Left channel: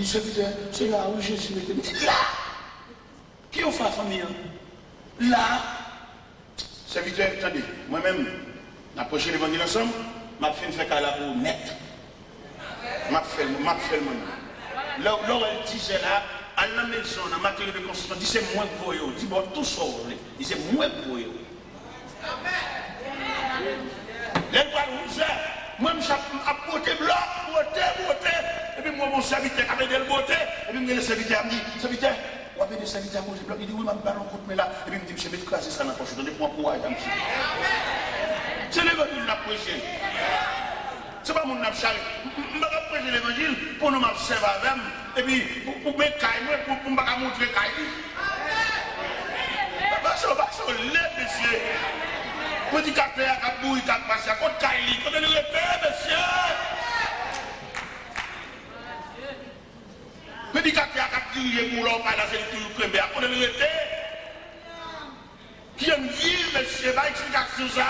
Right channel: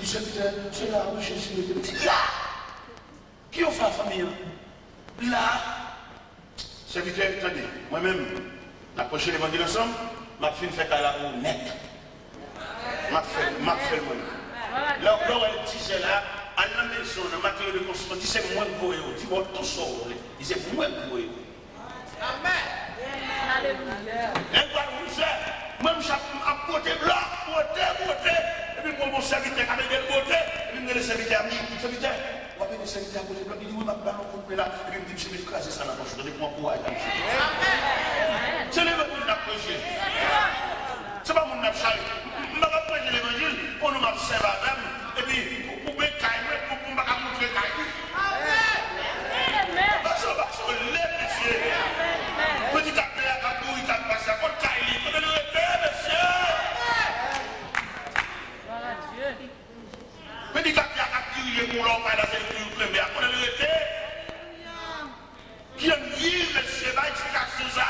Il dit, c'est là où Jésus était. Là! Qui ont fait la famille? Là! Serviteur, attendez, moi-même, approcher l'évangile ensemble, m'a fait faire qu'à la roue net. M'a fait le monde. Là où elle disait là, à la maison, dans la matière de construction, dit c'est moins pour eux. Dit bon, tout ça, il c'est moins pour eux. Les parents, moi, je suis à côté blanc, beauté. Et puis moi, mon serviteur, avec des beauté, et puis le serviteur me dit, serviteur, on va venir serviteur à côté blanc, il dit oui, ma ballon contre moi là, et puis il me dit, je vais écraser ça dans la poche, donnez-moi pour aller. C'est l'évangile de la prêcher. C'est pas mon abchal. Je ne vais pas prêcher l'évangile pour nous m'observer à dame, et puis pour me cailler, pour me montrer cailler. Parce que les messieurs, petit capteur à bouille, qui a passé à côté de cailler, quand il est monsieur. Petit capteur à crier pour l'homme, là, c'est le premier, quand il est qui aime vivre, monsieur, pas explication ça.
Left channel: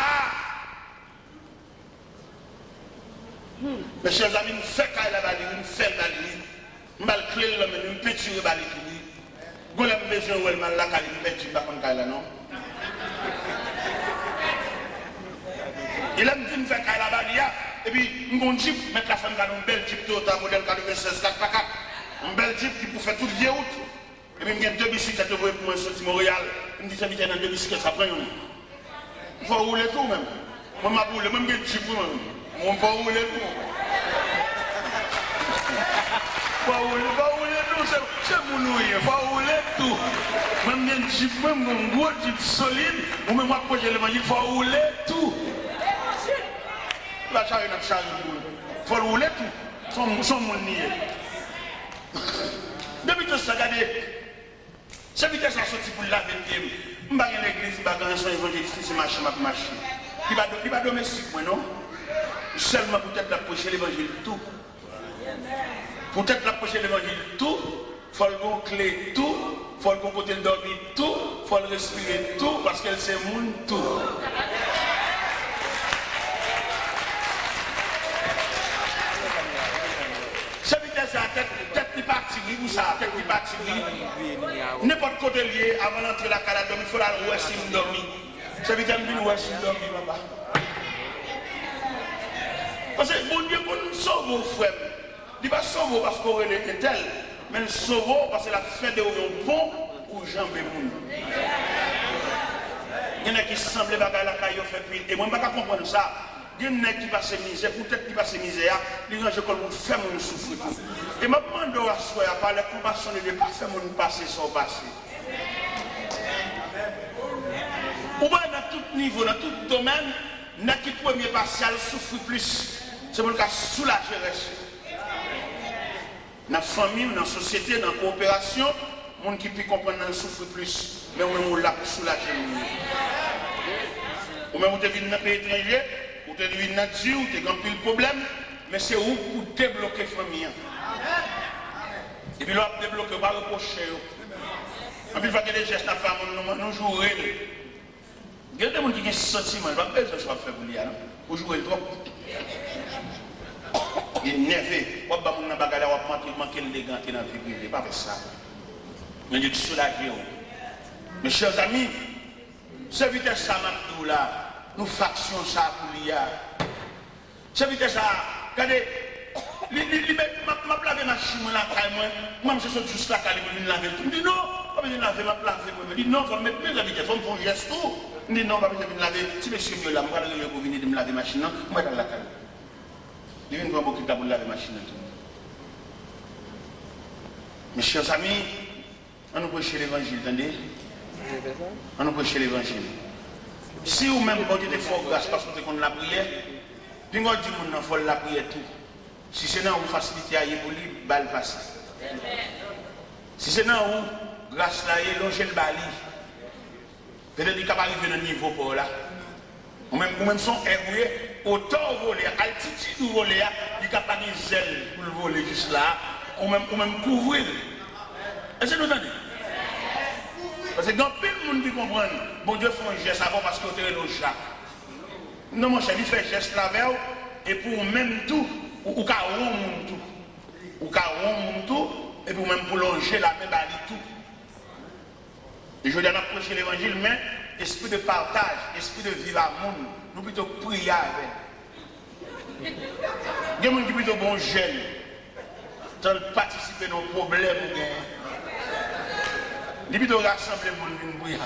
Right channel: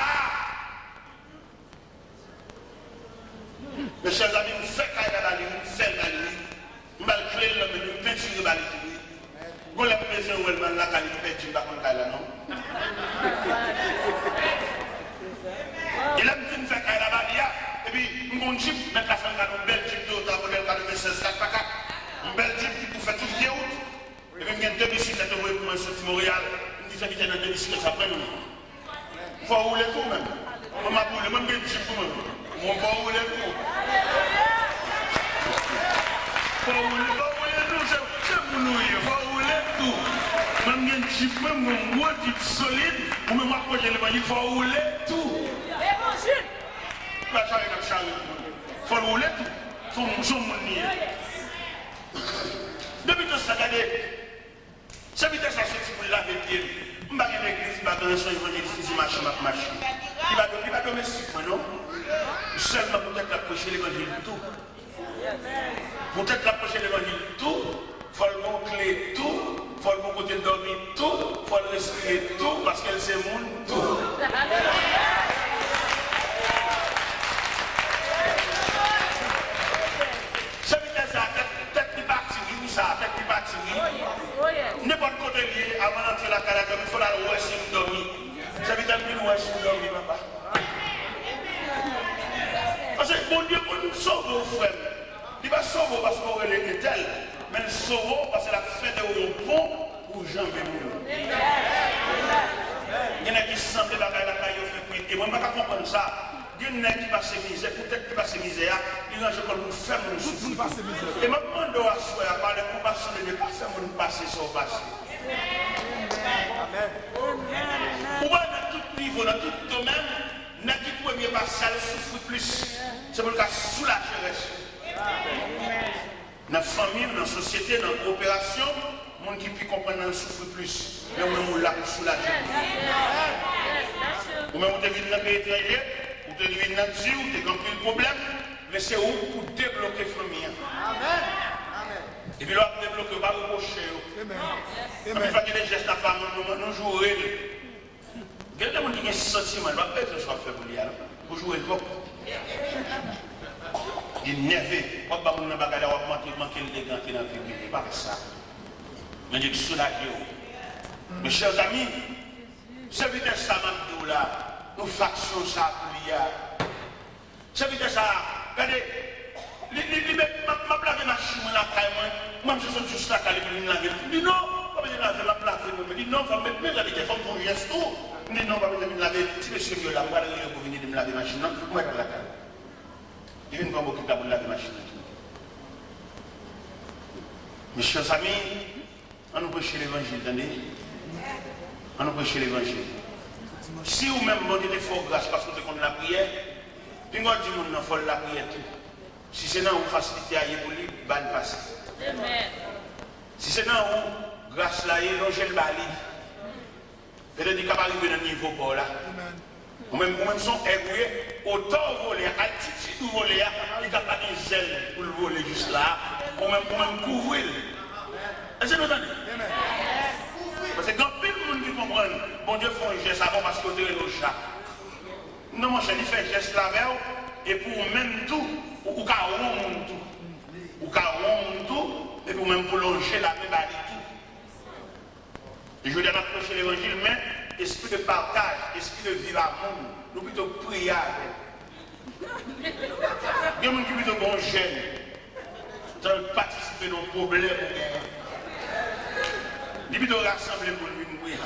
Mes chers amis, nous faisons la balle, nous faisons la ligne, nous allons clé l'homme, nous pétons la balle. Vous avez besoin de la balle, nous pétons pas comme ça, non? Il aime dire nous faisons la balle, et puis nous avons dit, mettre la femme dans une belle jeep de haute, modèle 96 4x4, une belle jeep qui peut faire toute vieille route. Et puis il y a deux bicyclettes pour un sorti Montréal, il me dit, ça vient dans deux bicyclettes, ça prend une. Il faut rouler tout même. Moi, je roule, même une jeep pour moi. On va rouler tout. Il faut rouler tout, c'est mon nouille, il faut rouler tout. Même un jeep, même un gros jeep solide, ou même moi, il faut rouler tout. La charge, il faut rouler tout. C'est mon nier. Depuis tout ça, regardez, c'est vite ça sorti pour laver les pieds. Je ne vais pas à l'église, je ne vais pas dans son évangéliste, c'est machine. Il va domestique, moi, non? Seulement peut-être l'approcher l'évangile tout. Peut-être l'approcher l'évangile tout. Il faut le clé tout. Il faut le côté dormir tout. Il faut le respirer tout parce qu'elle c'est monde tout. C'est vite ça, tête qui partit, ou ça, tête qui partit. N'importe côté lié, avant d'entrer la calade, il faut la ouest si dormir. C'est vite un peu ouest si dormir, papa. Parce que bon Dieu, pour nous sauver, frère, il ne va pas sauver parce qu'on est tel, mais il sauve parce qu'il a fait de bon pour Jean Bémoun. Il y en a qui semblent la caille fait plus. Et moi, je ne peux pas comprendre ça. Il y en a qui passent misère, peut-être qui passent misère, ils rangent comme pour faire mon souffrir. Et je me demande à soi, par la compassion de Dieu, pas faire mon passé sans passé. Ou bien dans tout niveau, dans tout domaine, n'a qui premier partiel souffre plus. C'est pour le cas soulager dans la famille, dans la société, dans la coopération, les gens qui peuvent comprendre le souffre plus. Mais on est là pour soulager. Ou même vous êtes dans un pays étranger, vous êtes dans une nature, vous êtes dans un problème, mais c'est où pour débloquer la famille. Et puis là, débloquer, on va reprocher. Et puis il faut qu'il y ait des gestes à faire, nous jouer. Il y a des gens qui ont un sentiment, je ne vais pas faire ce que je fais pour jouer trop. Il est nerveux. Pourquoi pas mon bagage à manquer l'élégance dans la vie privée? Pas avec ça. Mais Dieu soulage. Mes chers amis, c'est vite ça maintenant là. Nous factions ça pour l'IA. C'est vite ça. Regardez, je laver ma chimie là, moi je suis juste là, je laver. Je dis non, je vais laver ma place. Je dis non, je vais mettre mes habitudes, je vais faire un geste. Je dis non, je vais me laver. Si monsieur est là, je vais aller pour venir me laver ma machine, je vais aller la caille. Je vais m'occuper de laver ma machine. Mes chers amis, on nous prêche l'évangile, attendez. On nous prêche l'évangile. Si vous-même vous avez des forts grâce parce que vous avez la prière, puis vous avez dit que vous avez la prière tout. Si c'est dans vous facilité à y pour lui, balle passe. Si c'est dans vous, grâce là, il longe le bali. Peut-être qu'il va arriver dans le niveau pour là. Ou même son égoué, autant voler, altitude ou voler, il n'y a pas de zèle pour le voler juste là. Ou même couvrir. Est-ce que vous entendez? Parce que dans plein de monde qui comprennent, bon Dieu fait un geste avant parce que vous avez le chat. Non, mon cher, il fait un geste là et pour même tout, ou carrément tout. Ou carrément tout, même pour longer la paix, bah, tout. Et je dis à approcher l'évangile, mais esprit de partage, esprit de vivre à monde, nous plutôt prier avec. Il y a des gens qui plutôt bon jeune, sans participer à nos problèmes. Il plutôt rassembler le monde pour prier.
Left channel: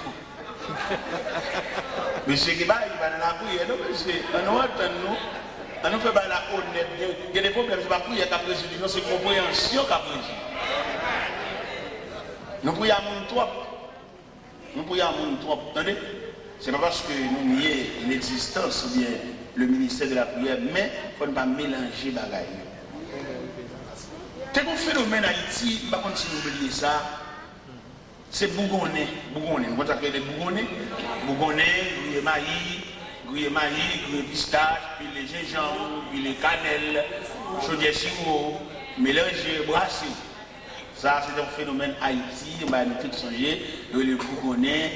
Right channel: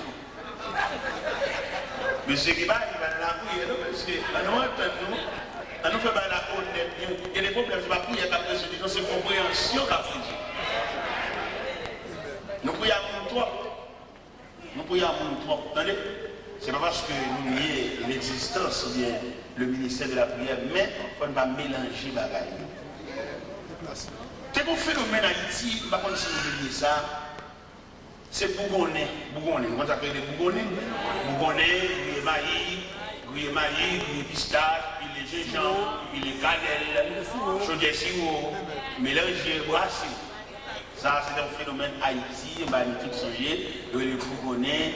Mais c'est qui va, il va la prière, parce que nous fait la honnête. Il y a des problèmes, c'est pas prière qu'à président, c'est compréhension qu'à président. Nous prions à mon trop. Nous prions à mon trop. Attendez, c'est pas parce que nous nions une existence, bien le ministère de la prière, mais il ne faut pas mélanger les bagages. C'est un phénomène en Haïti, par contre, si vous oubliez ça, c'est Bougonnet. Bougonnet, vous appelez des Bougonnais. Bougonnet, gruyé maïs, gruyé pistache, puis les gingembre, puis les cannelles, chaudière sirop, mélangé, brassé. Ça, c'est un phénomène Haïti, on va tout changer. Il y a les Bougonnais,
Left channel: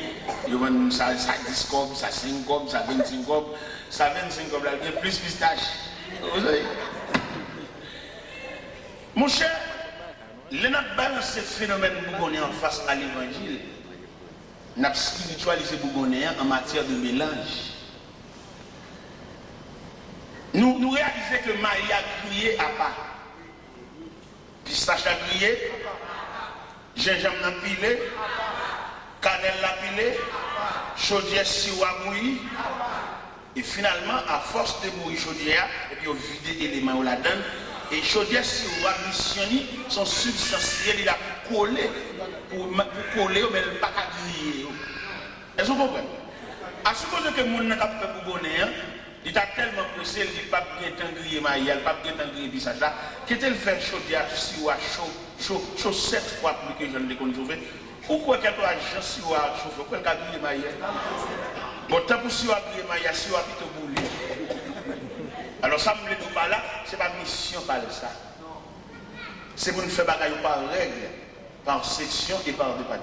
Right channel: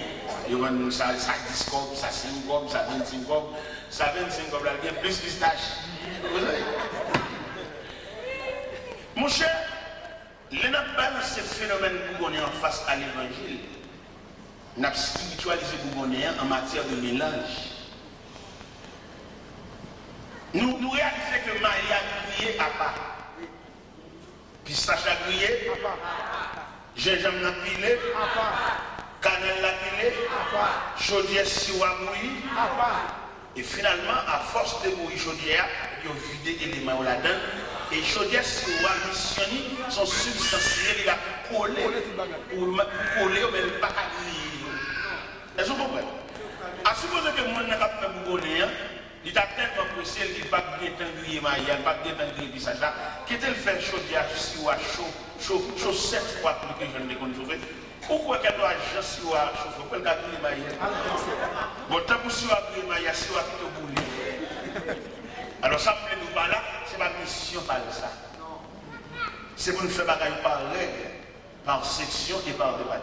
il y a ça 10 copes, ça 5 copes, ça 25 copes, ça 25 copes, il y a plus pistache. Vous savez? Mon cher, le n'a balance ce phénomène Bougonnais en face à l'évangile. N'a spiritualisé Bougonnais en matière de mélange. Nous réalisons que Marie a crié à part. Pistache a crié, gingembre a pilé, cannelle a pilé, chaudière sirop a bouilli. Et finalement, à force de bouillir chaudière, il a vidé l'élément là-dedans. Et chaudière sirop a missionné son substantiel, il a collé pour coller, mais il n'a pas griller. Est-ce que vous comprenez? À supposer que mon n'a pas fait Bougonnais, il a tellement pressé, il n'a pas bien grillé maïs, il n'a pas bien grillé bissage là, qu'il a fait chaudière sirop chaud 7 fois plus que je ne l'ai connu. Pourquoi qu'il y a pas de sirop chaud? Pourquoi il y a grillé maïs? Bon, tant que sirop grillé maïs, sirop plutôt coulé. Alors ça me dit pas là, c'est la mission par ça. C'est pour nous faire bagaille par règle, par section et par département.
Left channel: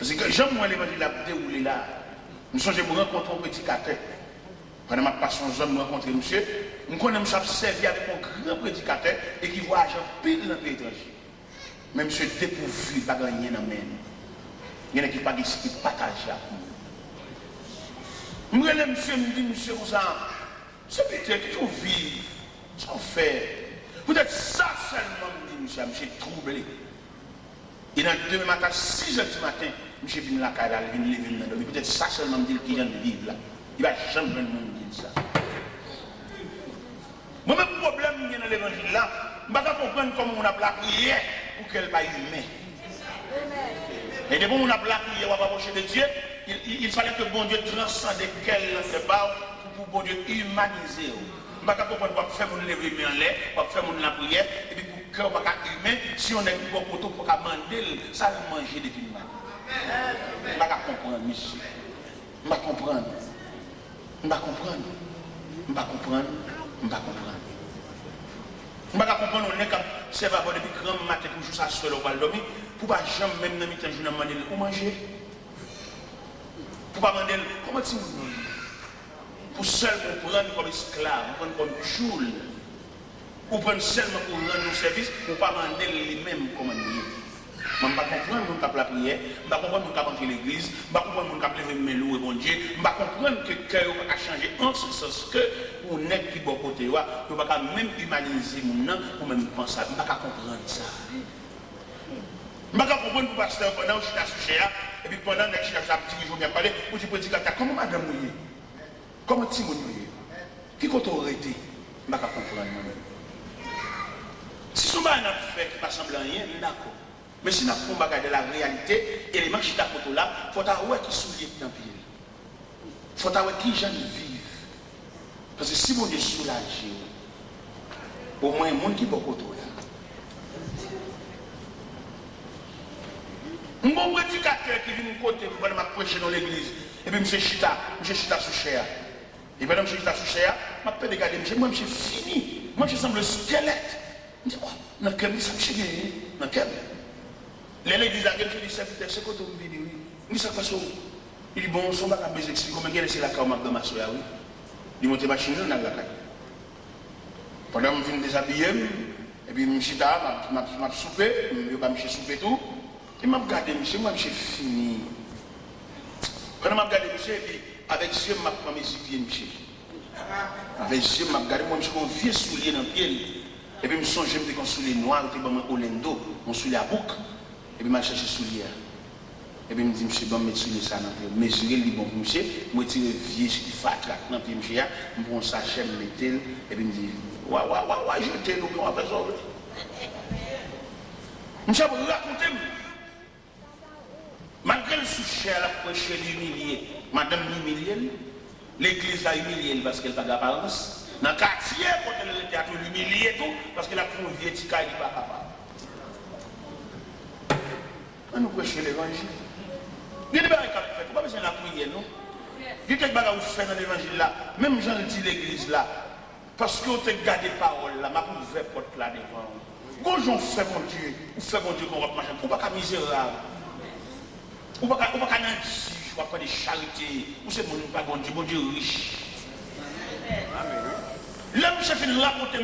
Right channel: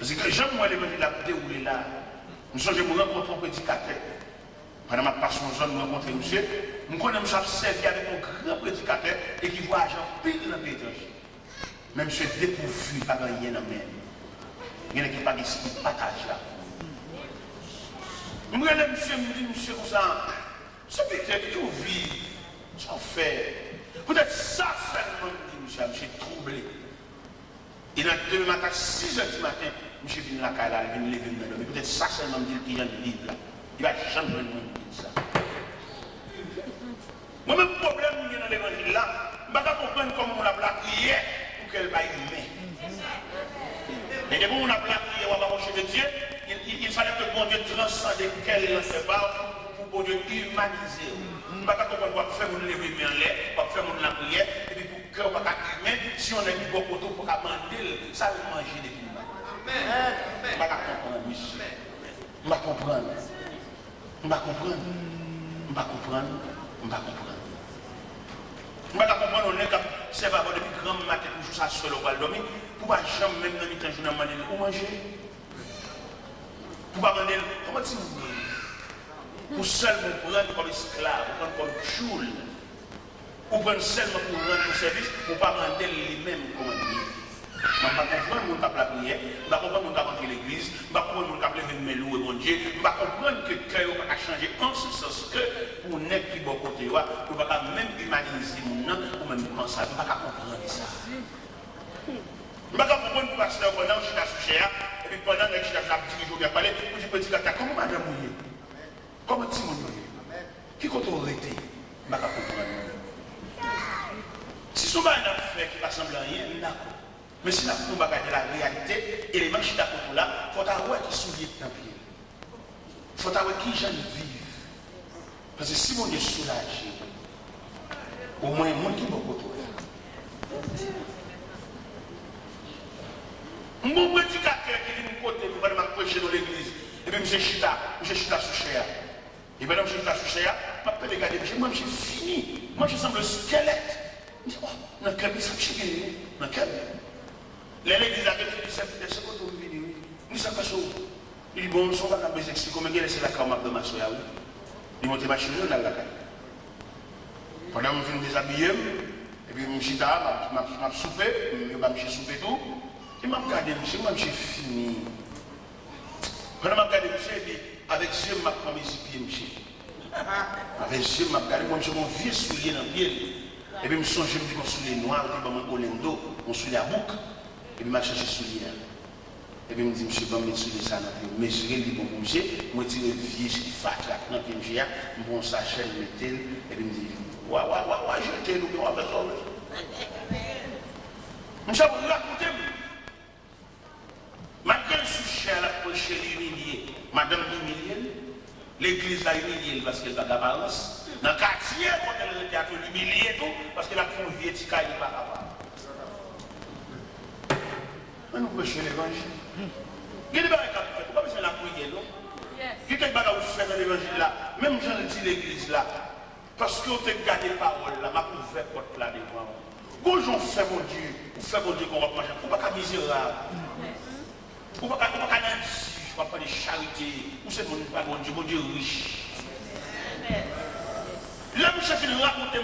Parce que Jean-Moi l'évangile a déroulé là, nous sommes pour rencontrer un petit cathé. Pendant ma passion zone, nous rencontrons monsieur, nous connaissons servi avec un grand prédicateur et qui voyage en pile dans le pays étranger. Mais monsieur dépourvu, pas gagné dans le même. Il y en a qui n'ont pas d'esprit de partage là. Nous allons me dire, monsieur, vous c'est peut-être que vous vivez, ça fait. Peut-être ça seulement, monsieur, monsieur troublé. Et dans le matin, 6 h du matin, monsieur vient la caille, il vient lever le nom. Peut-être ça seulement me dit qu'il vient de vivre là. Il va jamais le monde dire ça. Moi-même, le problème qui est dans l'évangile là, je ne vais pas comprendre comment on a la prière pour qu'elle va humaine. Et de bon, on a la prière, on va approcher de Dieu. Il fallait que bon Dieu transcende qu'elle ne sait pas pour bon Dieu humaniser. Je ne vais pas comprendre pourquoi faire mon lever en l'air, pourquoi faire mon la prière, et puis pour cœur pas humain, si on est pour poteau pour manger, ça va manger depuis nous. Je ne vais pas comprendre, monsieur. Je ne vais pas comprendre. Je ne vais pas comprendre. Je ne vais pas comprendre. Je ne vais pas comprendre. Je ne vais pas comprendre. On est comme c'est pas depuis grand matin toujours ça seul on va dormir. Pour pas jamais même dans mi-temps journée demander pour manger. Pour pas demander comment tu pour seulement prendre comme esclave, prendre comme joule. Pour prendre seulement pour rendre nos services, pour pas demander les mêmes commandes. Je ne vais pas comprendre mon cap la prière, je ne vais pas comprendre mon cap entrer l'église, je ne vais pas comprendre mon cap lever mes loups et bon Dieu, je ne vais pas comprendre que le cœur a changé en ce sens que on est qui bon côté, on ne va pas même humaniser mon nom ou même penser, je ne vais pas comprendre ça. Je ne vais pas comprendre le pasteur pendant que je suis à Souchéa, et puis pendant que je suis à Souchéa, je vais parler, pour dire petit gars, comment madame mouillé? Comment tu mouillé? Qui compte arrêter? Je ne vais pas comprendre. Si ce n'est pas un affaire qui ne ressemble à rien, d'accord. Mais si nous avons de la réalité, et les manches d'à là, il faut avoir qui soulier dans le pied. Il faut avoir qui gens vivent. Parce que si on est soulagé, au moins il y a un monde qui est beaucoup là. Mon prédicateur qui vient de côté pour aller prêcher dans l'église, et puis M. Chita sous cher. Et puis M. Chita sous cher, je vais regarder, moi je suis fini. Moi je semble le squelette. Je dis, oh, dans quel ça me chie, dans quel. L'église a dit, c'est peut-être ce que tu veux dire. Il dit, ça passe où? Il dit, bon, on ne va pas expliquer comment il y a la caméra de ma soeur. Il monte ma machine dans la caille. Pendant que je viens déshabiller, et puis je suis là, je suis soupé, je suis soupé tout. Et je regardé monsieur, moi je suis fini. Pendant que je regardé monsieur, et puis avec ce je prends mes pieds, monsieur. Avec ce je regardé, moi je suis un vieux soulier dans le pied. Et puis je me suis dit que mon soulier noir, je suis un Olendo, mon soulier à bouc. Et puis je cherché soulier. Et puis je me dis, monsieur, je vais mettre soulier ça dans le pied. Mesurer le bon monsieur, je vais tirer vieux qui fat là dans le pied, monsieur. Je prends sa chaîne, je mets et puis je me dis, ouais, je t'ai nous, on va faire ça. Monsieur, vous racontez, malgré le souci à la prochaine humiliée, madame l'humiliée, l'église a humilié parce qu'elle n'a pas d'apparence. Dans le quartier, quand elle était à l'humilier tout, parce qu'elle a fait un vieux petit cas, il n'est pas capable. On nous prêche l'évangile. Il y a des choses qui fait, pas besoin de la prière, non? Il y a des choses qui fait dans l'évangile là, même j'en dis l'église là, parce qu'on te garde les paroles là, m'a ouvert porte là devant. Quand j'en fais mon Dieu qu'on va manger, on ne peut pas misérable. On ne peut pas nanti, on ne peut pas de charité. Ou c'est mon Dieu riche. Là, je suis venu raconter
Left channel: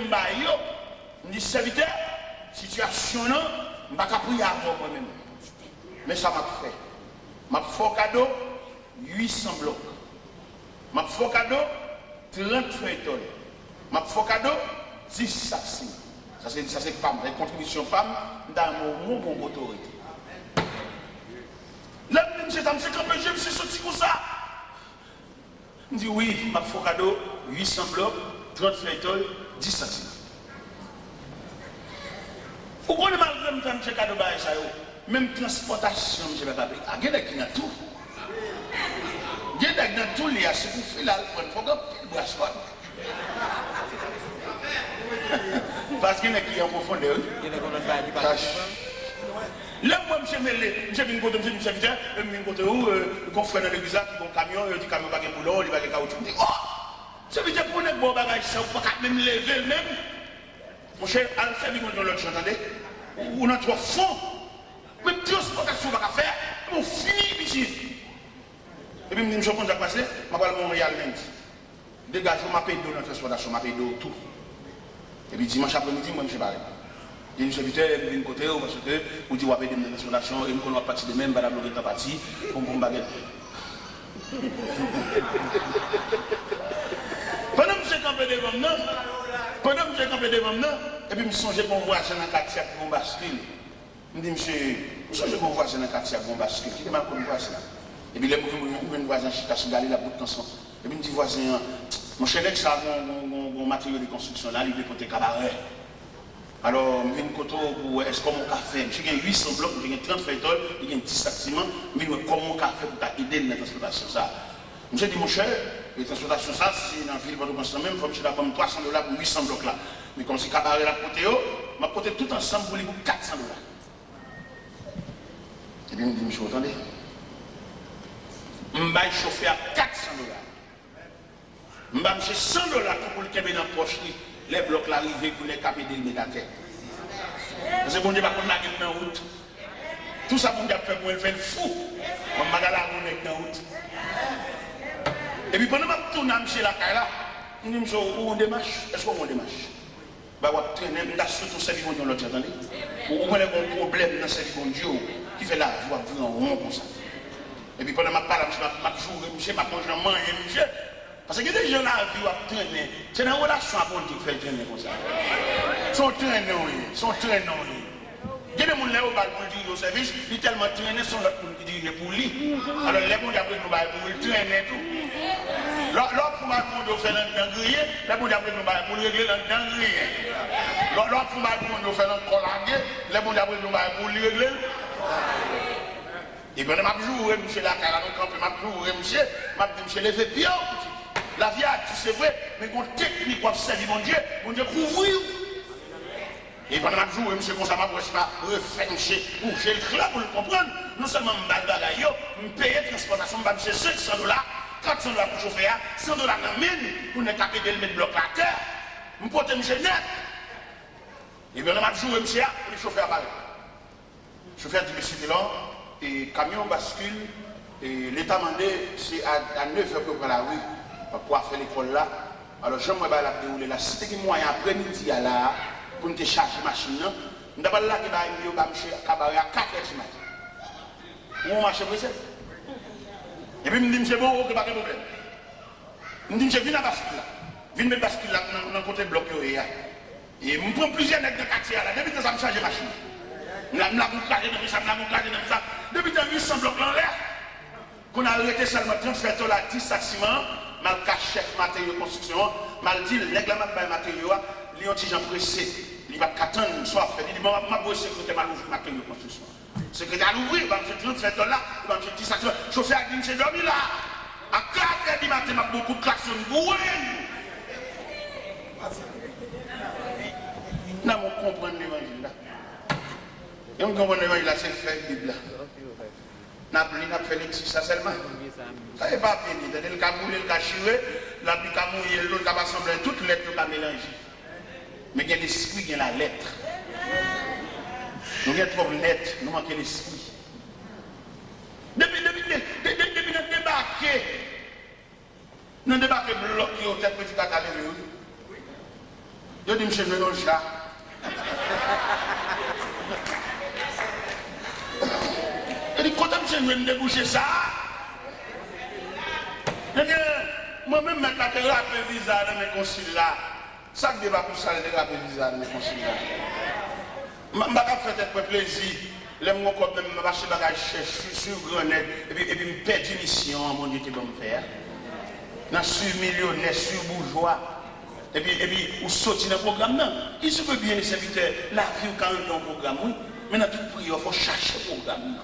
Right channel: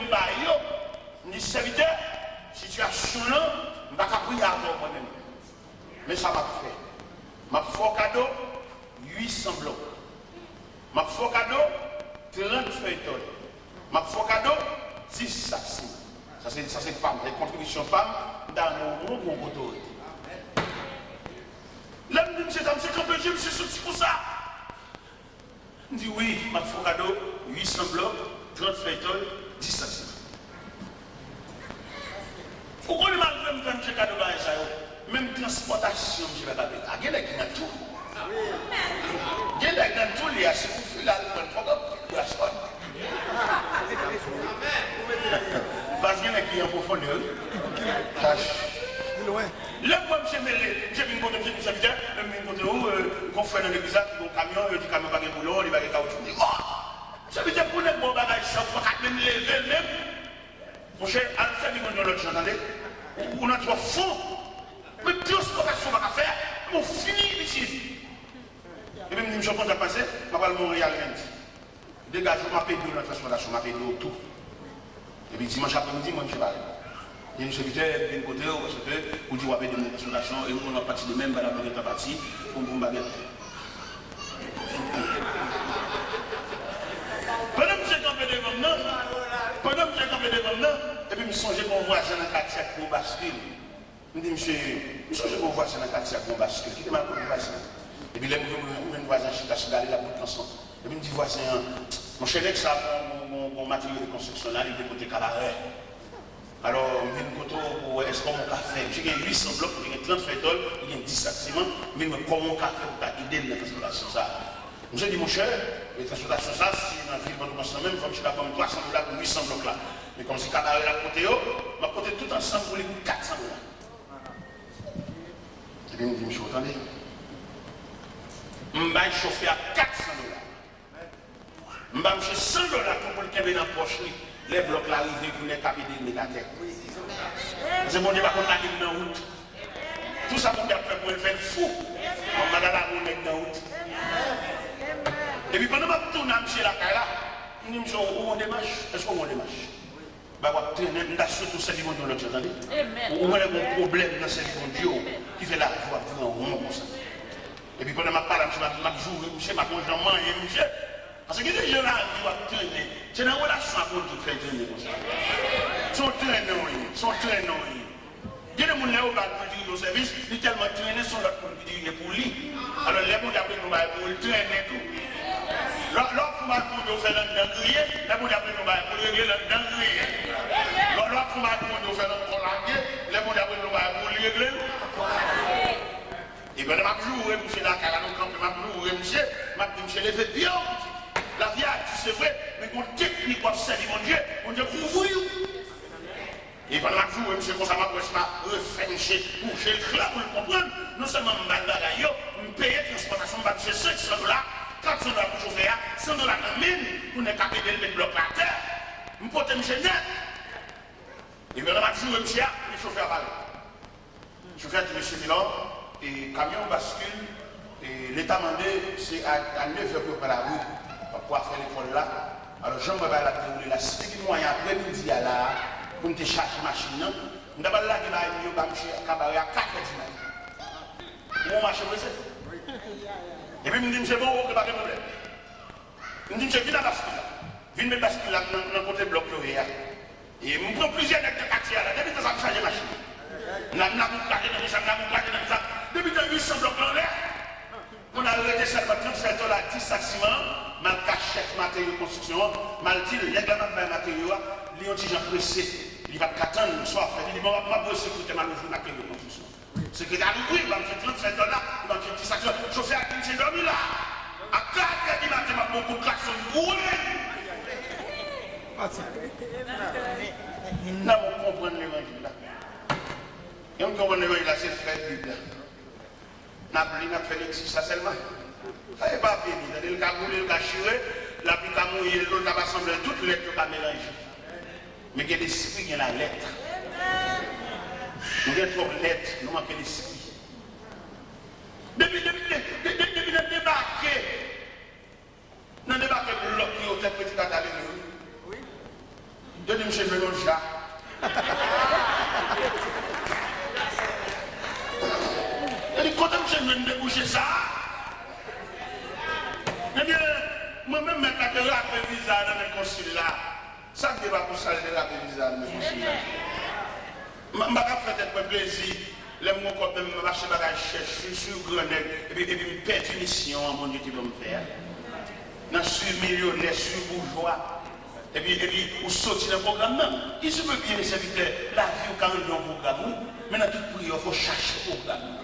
je dis serviteur, situation là, je ne peux pas prier avant moi-même. Mais ça m'a fait. M'a fait cadeau 800 blocs. M'a fait cadeau 30 feuilletons. M'a fait cadeau 10 sacs. Ça c'est PAM, la contribution PAM dans mon autorité. Là, monsieur, c'est quand je me suis sorti comme ça. Je dis oui, m'a fait cadeau 800 blocs, 30 feuilletons, 10 centimes. Pourquoi le malgré me fait cadeau dans ça? Même transportation, je ne vais pas payer. Il y a des qui ont tout. Il y a des qui ont tout, il y a ce qu'on fait là, il faut que je fasse. Parce qu'il y a qui en profondeur. Là, moi, je suis venu côté de serviteur, je suis venu côté où, qu'on fait dans l'église, qui ont un camion, il dit camion pas de boulot, il va de caoutchouc. Je dis, oh, serviteur pour les bons bagages, ça, on ne peut pas même lever même. Mon cher, à le faire, on l'autre chose, attendez. On a trois fonds. Mais transportation va faire, on finit ici. Et puis, je me dis, je vais passer, je vais aller Montréal même. Dégage, je m'appelle pour la transportation, je m'appelle pour tout. Et puis dimanche après-midi, moi je parle. Je me suis dit, je vais côté parce que vous dites, vous avez des solutions et nous allons partir de même, madame le parti, pour mon baguette. Pendant que j'ai campé devant nous, et puis je me suis dit qu'on voit ça dans le quartier pour bascule. Je me dis, monsieur, je me suis dit qu'on voit ça dans le quartier pour bascule. Qui est mal connu voisin? Et puis les voisins, je suis allé la bout de ensemble. Et puis je me dis, voisin, mon cher, ça a mon matériel de construction là, il est côté cabaret. Alors, je viens côté pour est-ce qu'on a fait? J'ai 800 blocs, j'ai 30 feuilletons, j'ai 10 sacs ciment, mais comment on a fait pour aider dans la transportation ça? Je dis, mon cher, la transportation ça, c'est dans le film de construction même, il faut que je vais prendre $300 pour 800 blocs là. Mais comme si cabaret là côté, je vais côté tout ensemble pour les $400. Et puis, je me dis, monsieur, attendez. Je vais chauffer à $400. Je vais acheter $100 pour le tomber dans la poche. Les blocs l'arrivée pour les caper de la tête. C'est bon Dieu, pas qu'on a mis dans la route. Tout ça pour faire pour le faire fou. On m'a dans la route dans la route. Et puis pendant que je tourne chez la caille là, je me dis, où on démarche? Est-ce qu'on démarche? Bah, on traîner, on a surtout celle qui vont dans l'autre, attendez. On a un problème dans cette conduite qui fait la voie en rond comme ça. Et puis pendant que je parle, je joue, je mange, monsieur. Parce que les gens là qui vont traîner, c'est une relation à compte qui fait traîner comme ça. Sont traînés. Il y a des gens qui ont dire au service, ils tellement traînés, sont là pour dire pour lui. Alors les gens qui ont pour le traîner tout. L'autre faut qu'on faire le dinguerie, les gens qui ont pour régler le dinguerie. L'autre faut qu'on faire le collandier, les gens qui ont pour régler. Et bien, je joue, monsieur la carrière, je joue, monsieur, les fait bien. La vie, c'est vrai, mais qu'on technique pour servir mon Dieu couvre. Et pendant que je joue, monsieur, comme ça, je ne pas refermer, bouger le club pour le comprendre. Non seulement je me bagaille, je paye la transportation, je vais $700, $400 pour chauffer, $100 dans la mine, pour ne pas payer le mettre bloc à terre. Je porte monsieur net. Et bien, je joue, monsieur, pour le chauffeur à balle. Le chauffeur dit, monsieur Milan, et camion bascule, et l'état mandé, c'est à 9h pour la rue. Pour faire l'école là. Alors, j'aimerais la dérouler là. Si tu as moyen après-midi là, pour nous charger la machine. Nous avons là qui va nous faire cabaret à 4 heures du matin. Où marche pressé. Et puis, je me dis, c'est bon, il n'y a pas de problème. Je me dis, je viens à bascule. Je viens à bascule dans le côté bloc. Et je prends plusieurs nègres de quartier là. Depuis que ça me change la machine. Je me ça. Depuis que je me suis bloc en l'air. On a arrêté seulement 37 $ à 10 sacs ciment. Mal caché matériaux de construction. Mal dit, les gars, mal matériaux, les gens pressés. Il va attendre, soit fait. Il dit, bon, je vais sécurité mal ouvrir matériaux de construction. Secrétaire ouvrir, il va me faire 37 $, il va me faire 10 sacs ciment. Chauffeur a dit, j'ai dormi là. À 4 h du matin, il y a beaucoup de klaxons. Non, on comprend l'évangile là. Et on comprend l'évangile là, c'est fait Bible. N'a fait l'exercice ça seulement. Ça n'est pas bien. Il y a des boulets, il a chiré, la pluie a mouillé, l'autre a rassemblé toutes les lettres qu'il a mélangées. Mais il y a l'esprit qui a la lettre. Nous avons trop de lettres, nous manquons l'esprit. Depuis le débarquer, nous débarquons bloqués au tête petit tata de nous. Donnez-moi chez nous le chat. Et dit, quand je viens de déboucher ça, moi-même, je vais rappeler visa dans mes consuls là. Ça ne débat pour ça, je vais rappeler visa dans mes consuls là. Je ne vais pas faire plaisir. Les mots comme je vais acheter des bagages sur Grenade et puis je perds une mission, mon Dieu, qui va me faire. Je suis millionnaire, je suis bourgeois. Et puis, vous sortez dans le programme. Qui se peut bien les serviteurs, la vie quand ils ont un programme, mais dans tout prix, il faut chercher le programme.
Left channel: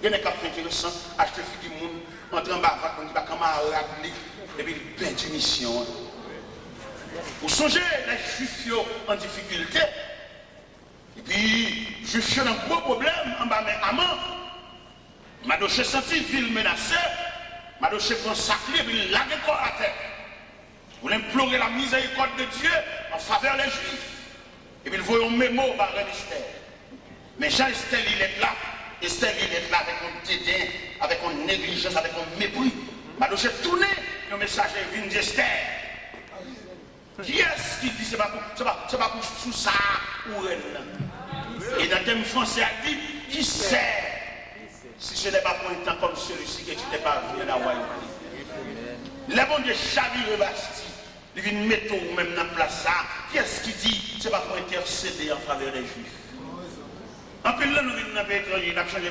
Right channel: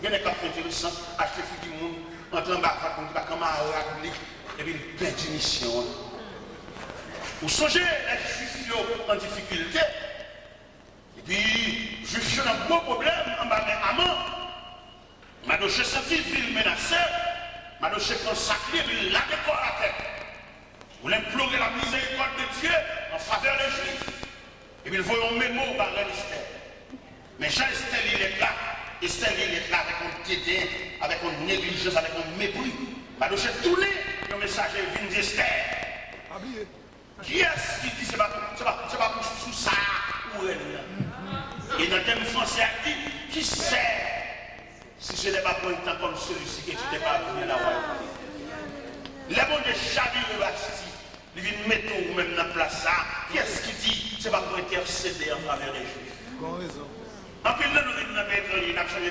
Il y a des cas intéressants, acheter du monde, entrer en bas, on dit pas comment rappeler, et puis il perd une mission. Vous songez les juifs en difficulté, et puis, juifs ont un gros problème en bas, mais amant, Madoché senti ville menacée, Madoché consacré, puis la décor à terre. Vous implorer la miséricorde de Dieu en faveur des Juifs. Et puis, ils voient un mémo par Esther. Mais Jean-Esther, il est là. Esther, il est là avec un dédain, avec une négligence, avec un mépris. Madoché tourné le message de Esther. Qui est-ce qui dit c'est pas pour sous ça ou elle? Et dans le thème français, il dit qui sait si ce n'est pas pour un temps comme celui-ci que tu n'es pas venu à la royauté. Les bons de chaque Bastille, ils viennent mettre ou même dans la place ça. Qui est-ce qui dit c'est pas pour intercéder en faveur des Juifs? En plus, là, nous venons dans le pétrole, nous avons changé de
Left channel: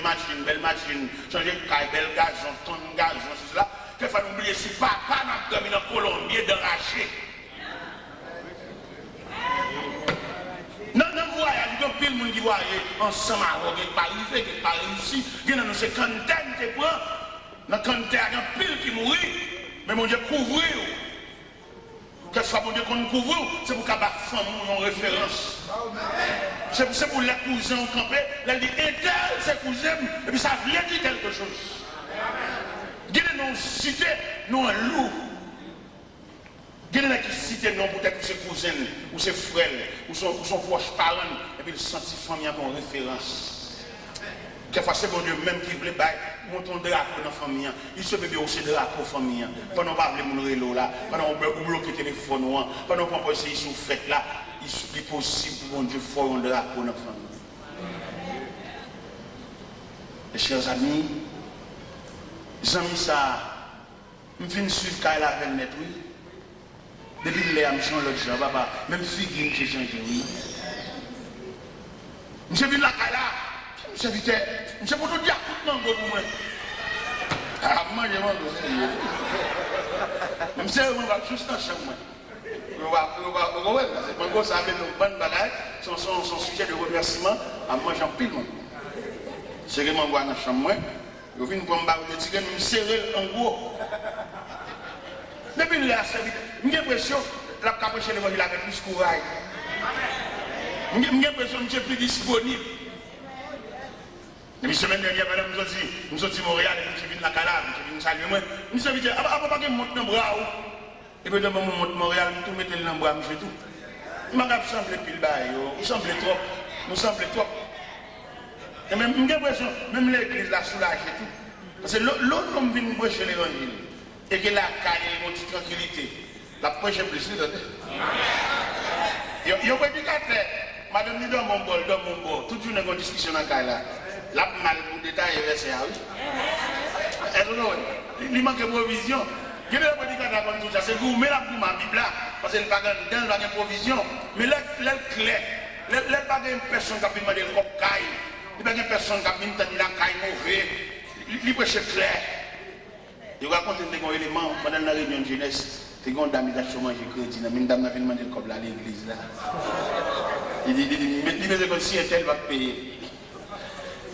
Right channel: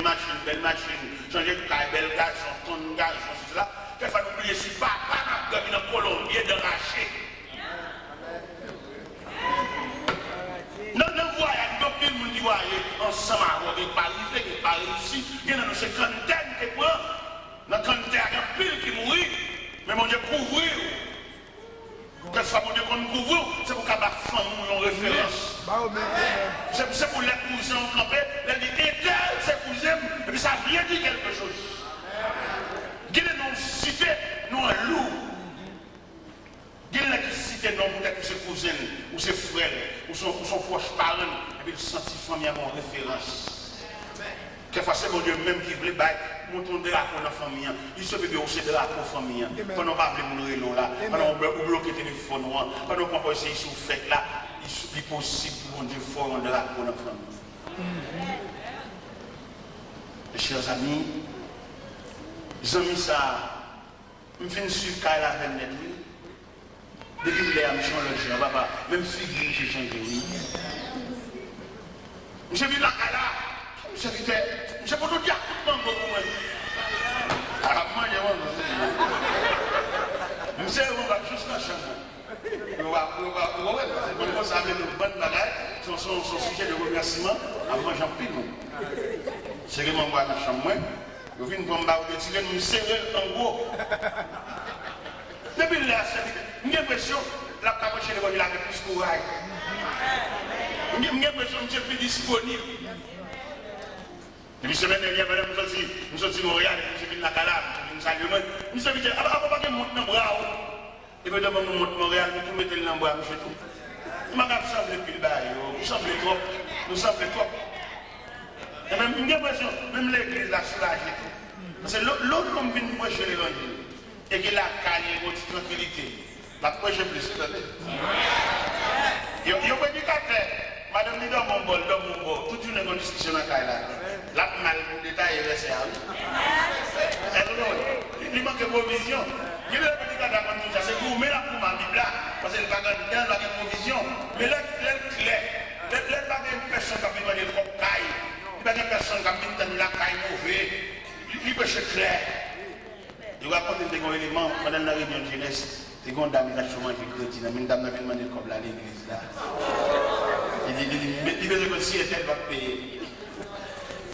machine, belle machine, changé de caille, belle gazon, tonne gazon, tout cela. Quelquefois, nous oublions si papa n'a pas dormi dans Colombie de racher. Non, voyage, depuis le monde qui voyage ensemble, qui n'est pas arrivé, qui n'est pas réussi, il y a une cinquantaine de points, dans le canter, il y a un pile qui mourit, mais mon Dieu, couvrir. Que ça, mon Dieu, qu'on nous couvre, c'est pour qu'à la femme, nous référence. C'est pour les cousins campés, les éternels, c'est cousins, et puis ça vient dire quelque chose. Guide nous citer, nous un loup. Guide nous citer, nous peut-être ses cousins, ou ses frères, ou son proche parent, et puis le senti famille à mon référence. Quelquefois, c'est mon Dieu même qui voulait monter un drapeau dans la famille. Il se peut aussi de drapeau dans la famille. Pendant qu'on parle de mon rélo là, pendant qu'on bloque le téléphone, pendant qu'on peut essayer sous fête là, il est possible pour mon Dieu faire un drapeau dans la famille. Mes chers amis, les amis, ça, je viens suivre quand elle a 20 mètres. Depuis que je suis l'autre jour, papa, même figure, j'ai changé. Je viens là, monsieur Vite, monsieur pour nous dire, non, moi. Ah, moi, monsieur, on va juste en chambre. On va ça avec nos bonnes bagages, son sujet de remerciement, à moi, j'en pile. C'est que moi, dans la chambre, je viens pour me battre, je me serrer en gros. Depuis là, j'ai l'impression que la capuche est avec plus de courage. J'ai l'impression que je suis plus disponible. La semaine dernière, madame, nous sommes à Montréal, nous sommes à Calabre, nous sommes à Saluement. Nous sommes à papa, nous monte dans le bras. Et puis, nous monte Montréal, nous mettons dans le bras, monsieur tout. Nous m'avons semblé plus bas, nous semblons trop. Nous semblons trop. Et même, j'ai l'impression, même l'église là, soulage et tout. Parce que l'autre, comme vient nous prêcher l'évangile, et que la calme, notre tranquillité, la prochaine plus, Yo prédicateur, madame dit dans mon bol, toute une bonne discussion dans la là. La mal pour détailler verset oui. Il manque de provision. Je vais prédicateur comme tout ça, c'est vous mais la pour ma Bible là parce que le pas dans la provision, mais l'air clair. L'air pas de personne qui a demandé le comme caille. Il n'y a pas de personne qui a demandé la caille mauvais. Il prêche clair. Je vais raconter un élément pendant la réunion de jeunesse. C'est une dame qui a chômé crédit. Une dame qui a demandé le comme à l'église là. Il dit, mais si elle va payer.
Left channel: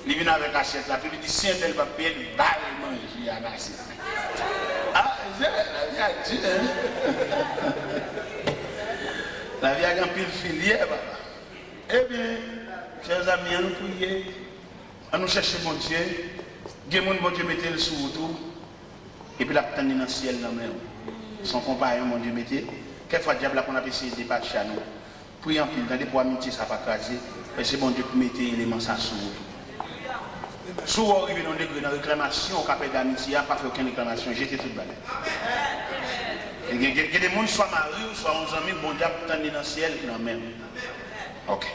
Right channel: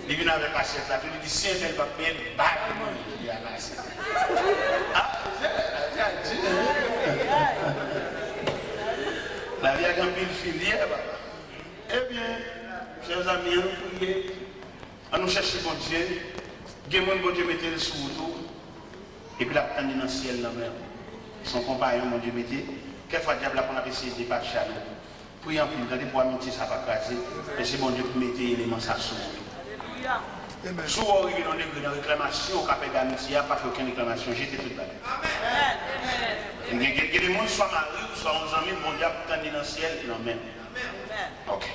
Il vient avec l'assiette là. Il dit, si elle va payer, il va manger à l'assiette. Ah, la vie a dit. La vie a un pile filière, papa. Eh bien, chers amis, nous prions. À nous chercher mon Dieu. Bon Dieu mettez le sous autour. Et puis la tendre dans le ciel là même. Son compagnon, mon Dieu, mettez. Quelquefois, diable, qu'on a essayé de dépasser à nous. Priez en plus, pour amitié, ça va craser. Mais c'est bon Dieu pour mettre l'élément ça sous. Souvent, arrivé dans la réclamation, au capet d'amitié, pas fait aucune réclamation, j'étais tout le balai. Que les gens soient mariés ou soient en amis, bon Dieu, pour tendre dans le ciel, non même. Ok.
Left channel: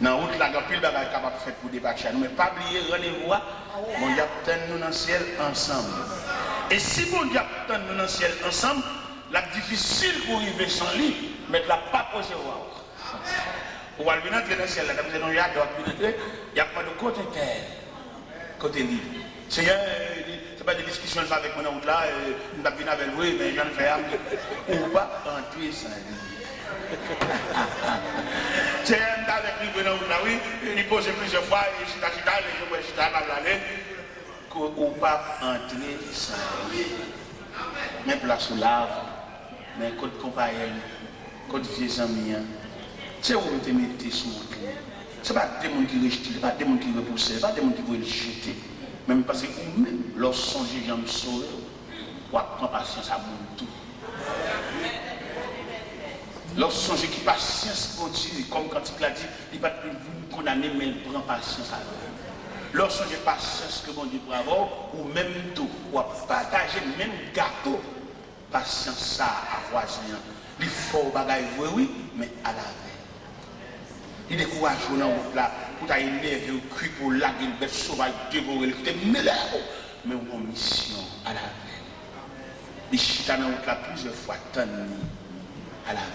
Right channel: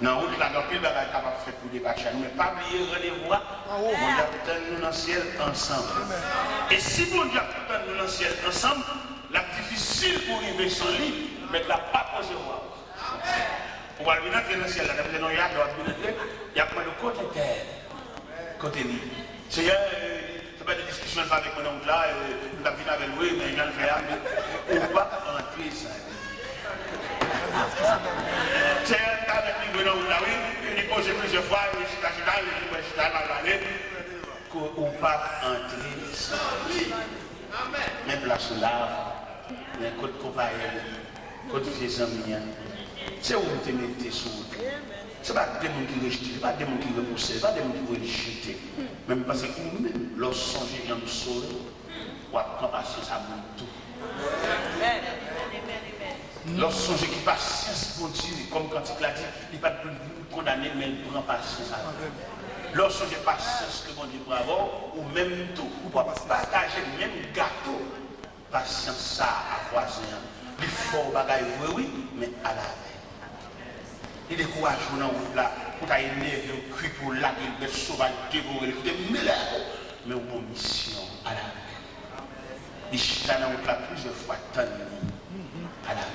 Dans route là, il y a des capable de faire pour dépasser. Mais pas oublier rendez-vous, mon Dieu, pour tendre dans le ciel ensemble. Et si mon Dieu, pour tendre dans le ciel ensemble, la difficile pour arriver sans lui, mais la pas posé au roi. Pour aller dans le ciel, il y a pas de côté terre, côté lit. C'est pas des discussions avec mon oncle là, on a vu avec lui, mais je ne fais rien. On va rentrer sans lui. C'est avec lui, oui, il pose plusieurs fois, je qu'on ne pas entrer sans lui. Mais place sous lave, mais côté compagnon, côté vieux amis, c'est où vous te mettez sous vous. Ce n'est pas des gens qui rejettent, ce n'est pas des gens qui repoussent, ce n'est pas des gens qui veulent jeter. Même parce que vous-même, lorsque vous songez, j'aime sauver, vous avez patience à vous tout. Lorsque vous songez qui patience continue, comme quand il l'a dit, il ne va pas vous condamner, mais il prend patience à vous. Lorsque vous avez patience que bon Dieu bravo, ou même tout, ou partager le même gâteau, patience ça à voisin. Il faut bagaille oui, mais à la veille. Il décourage dans route là, pour t'énerver, un cri pour la gueule, bête sauvage, dévorer, mais on a mission à la veille. Il chute dans route là plusieurs fois, à la veille.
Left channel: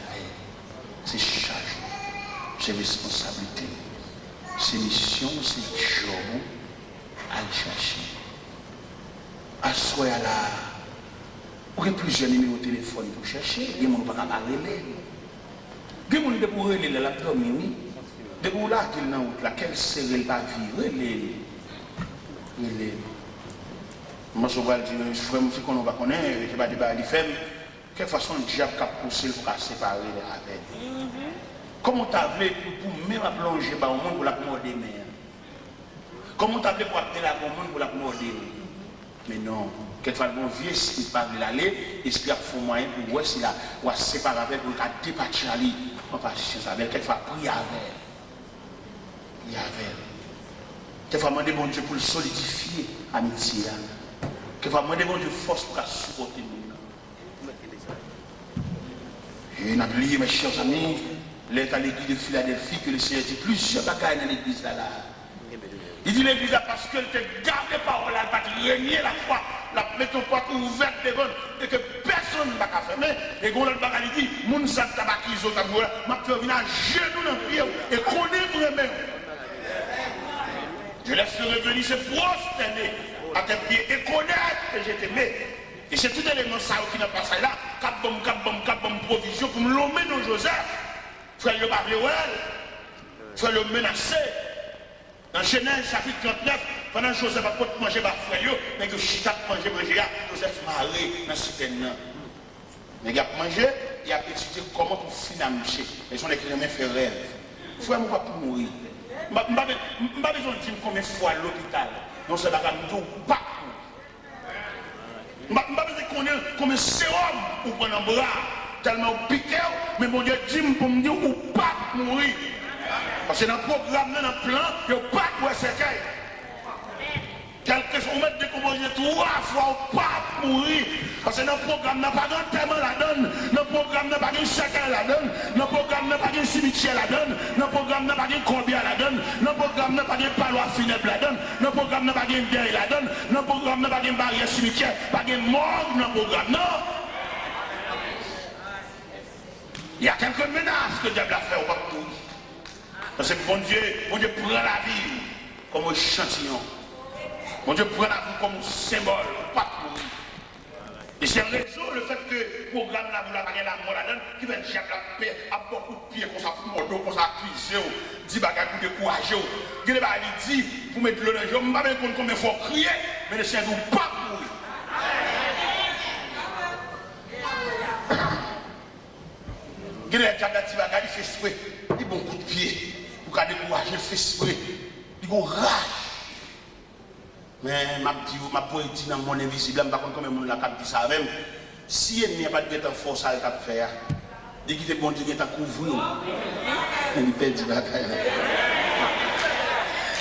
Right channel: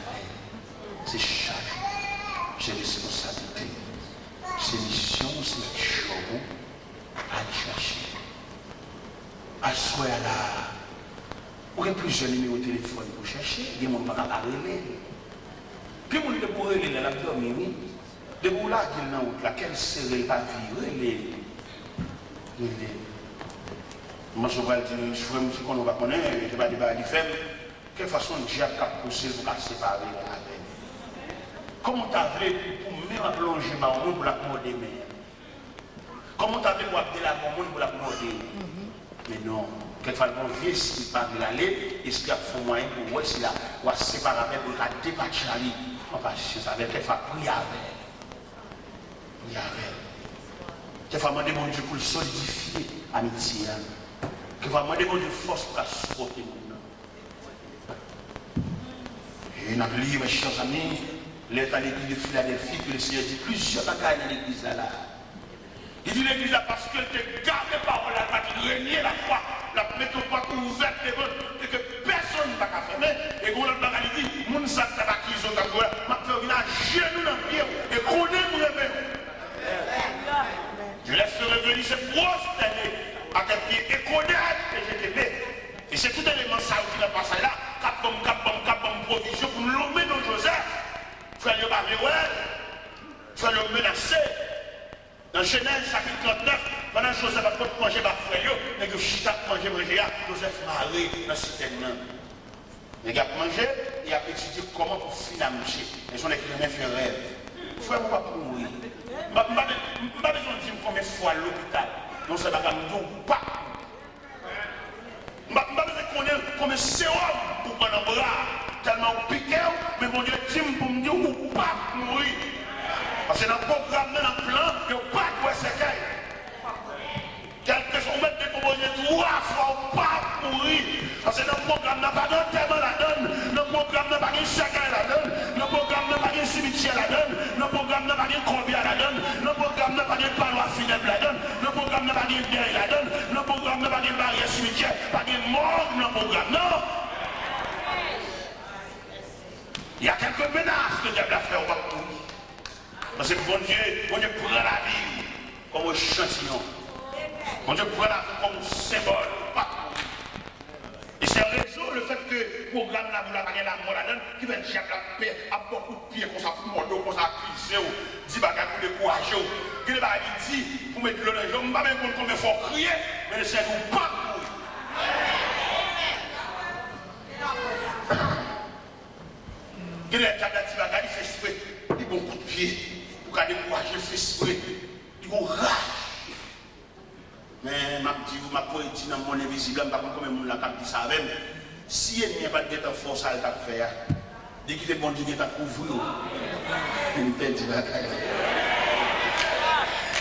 C'est charge, c'est responsabilité, c'est mission, c'est job à chercher. À soi là, on a plusieurs numéros de téléphone pour chercher, il y a mon parent à relais. Il y a mon de pour relais la domine. De où là qu'il n'a pas quelle série va vivre, il est. Moi, je vais dire, je vais me dire qu'on va connaître, je vais dire, il fait, quelle façon le diable a poussé pour la séparer avec. Comment tu as fait pour même plonger dans le monde pour la morder mer? Comment tu as fait pour appeler la monde pour la morder? Mais non, quelquefois, mon vieux, s'il ne parle pas de l'aller, il se fait moyen pour voir s'il a séparé avec, pour la départir à lui. On va chercher ça, quelquefois, prier avec. Il y avait. Quelquefois, demander bon Dieu pour le solidifier l'amitié. Quelquefois, demander bon Dieu force pour la supporter. Et on a oublié, mes chers amis, l'état de l'église de Philadelphie, que le Seigneur dit plusieurs bagailles dans l'église là. Il dit l'église là parce qu'elle te garde les paroles là, parce qu'il régner la foi, la métropole ouverte et que personne ne va pas fermer. Et qu'on a le bagaille dit, moun sa tabakizo taboué, m'a fait venir à genoux dans le prière et qu'on aime même. Je laisse revenir se prosterner à tes pieds et connaître que je t'aimais. Et c'est tout élément ça qui n'a pas ça là. Cap bombe provision pour me l'emmener dans Joseph. Frère le barrer, frère le menacer. Dans Genèse chapitre 39, pendant que Joseph a pas manger ma frère, mais que Chita manger, Joseph m'a arrêté dans ce terrain. Mais il a mangé, il a étudié comment pour financer. Et son écrivain fait rêve. Frère, moi, pas pour mourir. Je n'ai pas besoin de dire combien de fois à l'hôpital. Non, c'est pas comme tout, pas. Je n'ai pas besoin de connaître combien de sérum pour prendre un bras. Tellement piqué, mais mon Dieu dit pour me dire ou pas mourir. Parce que dans le programme, dans le plan, il n'y a pas de séquelles. Quel que soit pour mettre décomposer 3 fois pas mourir. Parce que notre programme n'a pas de paiement la donne, notre programme n'a pas de chacun la donne, notre programme n'a pas de cimetière la donne, notre programme n'a pas de combien la donne, notre programme n'a pas de palois funèbre la donne, notre programme n'a pas de deuil la donne, notre programme n'a pas de barrière cimetière, pas de mort dans le programme. Non! Il y a quelques menaces que le diable a fait au peuple. Parce que bon Dieu prend la vie comme un échantillon. Bon Dieu prend la vie comme un symbole. Et c'est en raison le fait que le programme là, vous l'avez la mort là-dedans, qui va dire la paix à beaucoup de pieds, comme ça, pour mordeau, comme ça, cuisser, dit bagages pour décourager. Il y a des dit, pour mettre le jeu, je ne sais pas combien il faut crier, mais le Seigneur ne pas mourir. Il y a des bagages qui fait souhait, il bon coup de pied, pour qu'il décourager, il fait souhait, il a rage. Mais ma poétie dans mon invisible, je ne sais pas comment je vais dire ça même. Si il n'y a pas de force à faire, dès qu'il est bon Dieu qui t'a couvert, il perd du bagaille.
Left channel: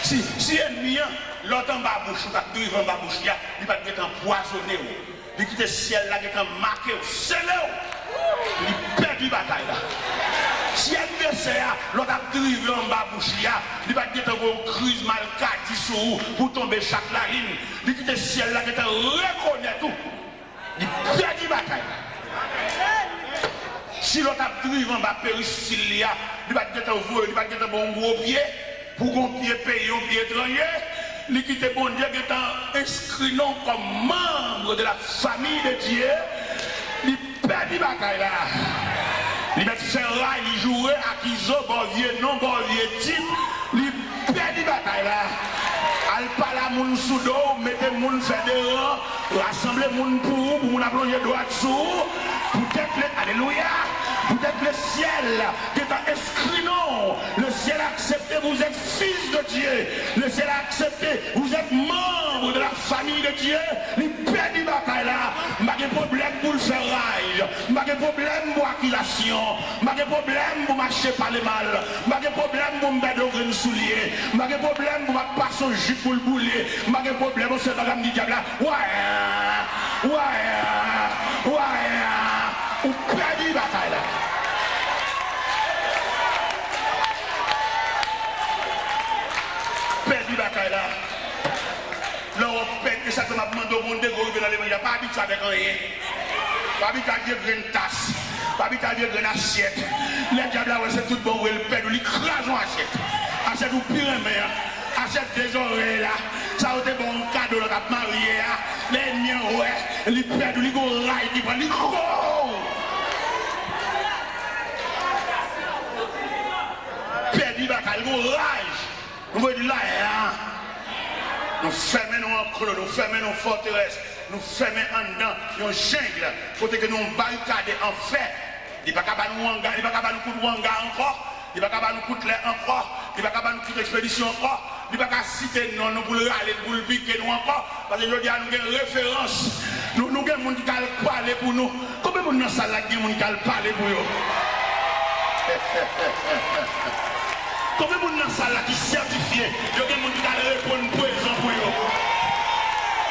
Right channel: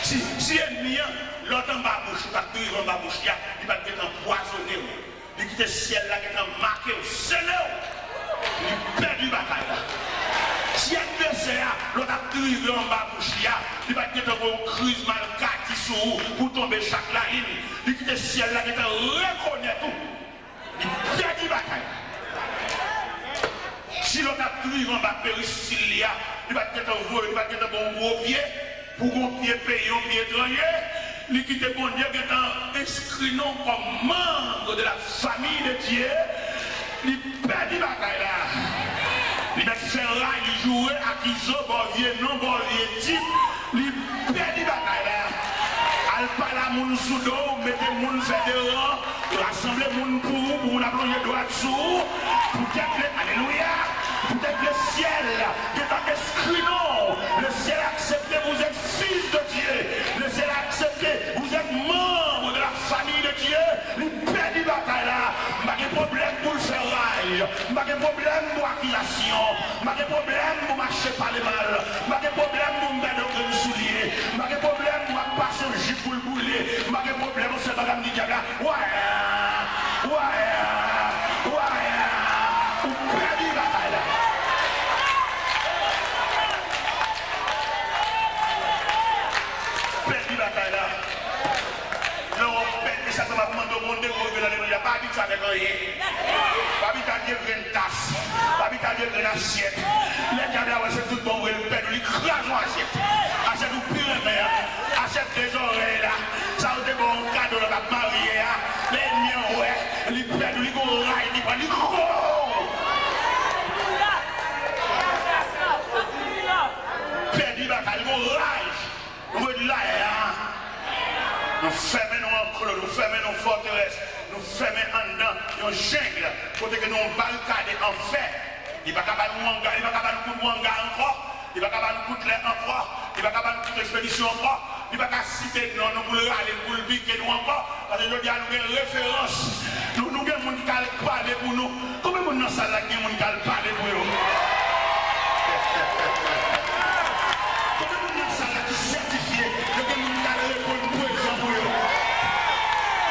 Si l'ennemi, l'autre en bas bouche, il va te en bas bouche, il va te empoisonner. Dès qu'il est ciel là, qui est marqué, c'est là, il perd du bagaille. Si l'adversaire, l'autre a drivé en bas bouche, il va te avoir une crise mal carte sur pour tomber chaque ligne. Il quitte le ciel là, qui te reconnaît tout. Il perd du bagaille. Si l'autre a drivé en bas péricile, il va te avoir un gros pied, pour un pied payé, un pied étranger. Il quitte bon Dieu qui est inscrit non comme membre de la famille de Dieu. Il perd du bagaille là. Il met fait rail, il jouait à Kizo, Borvier, non Borvier, type, il perd des batailles là. Al parle à moun sous dos, mettez moun fédérant, rassembler moun pour moun a plongé droit dessous, peut-être le, alléluia, peut-être le ciel, qui est inscrit non, le ciel a accepté, vous êtes fils de Dieu, le ciel a accepté, vous êtes membre de la famille de Dieu, il perd des batailles là, pas de problème pour le faire rail, pas de problème pour accusation, pas de problème pour marcher par les mal, pas de problème pour me mettre au soulier, pas de problème pour passer un jupe pour le bouler, pas de problème pour cette madame du diable là, ouais, ou perd des batailles là. Perd des batailles là. L'Europe pète, mais ça c'est ma demande au monde de gouvernement dans les monde, il n'y a pas habitué avec rien. Pas habitué avec une tasse, pas habitué avec une assiette. Les diables, c'est tout bon, il pète, il crase en assiette. Assiette ou pire, assiette des oreilles là. Ça a été bon cadeau, le cap marié, les miens, ouais, il pète, il go rail, il prend, il go. Pète, il va, il go rage. Il go de là, nous fermons en creux, nous fermons nos forteresses, nous fermons en dedans, nous jungle, pour que nous barricades en fait. Il ne va pas nous hangar, il ne va pas nous coup de hangar encore, il ne va pas nous coup de l'air encore, il ne va pas nous coup d'expédition encore, il ne va pas citer non, nous voulons aller pour le piquer nous encore, parce que je dis à nous une référence, nous avons des gens qui parlent pour nous. Combien de gens dans la salle qui parlent pour nous? Combien de gens dans la salle qui sont certifiés, il y a des gens qui répondent présent pour eux.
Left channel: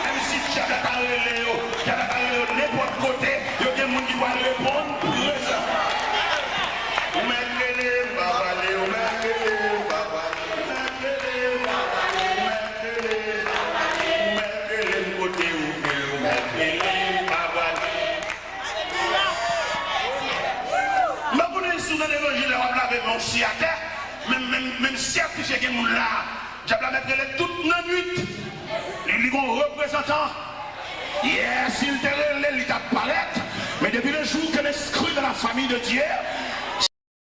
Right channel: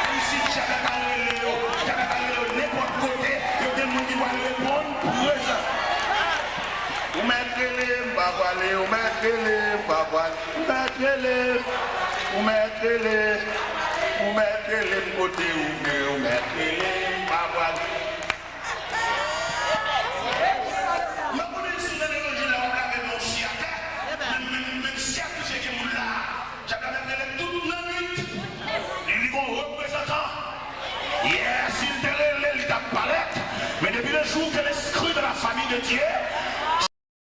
Même si tu as n'importe côté, il y a des gens qui doivent répondre présent. Même si j'ai des gens là, j'ai mettre toute la nuit. Ils vont représentant. Yes, il t'a palette. Mais depuis le jour que l'esprit de la famille de Dieu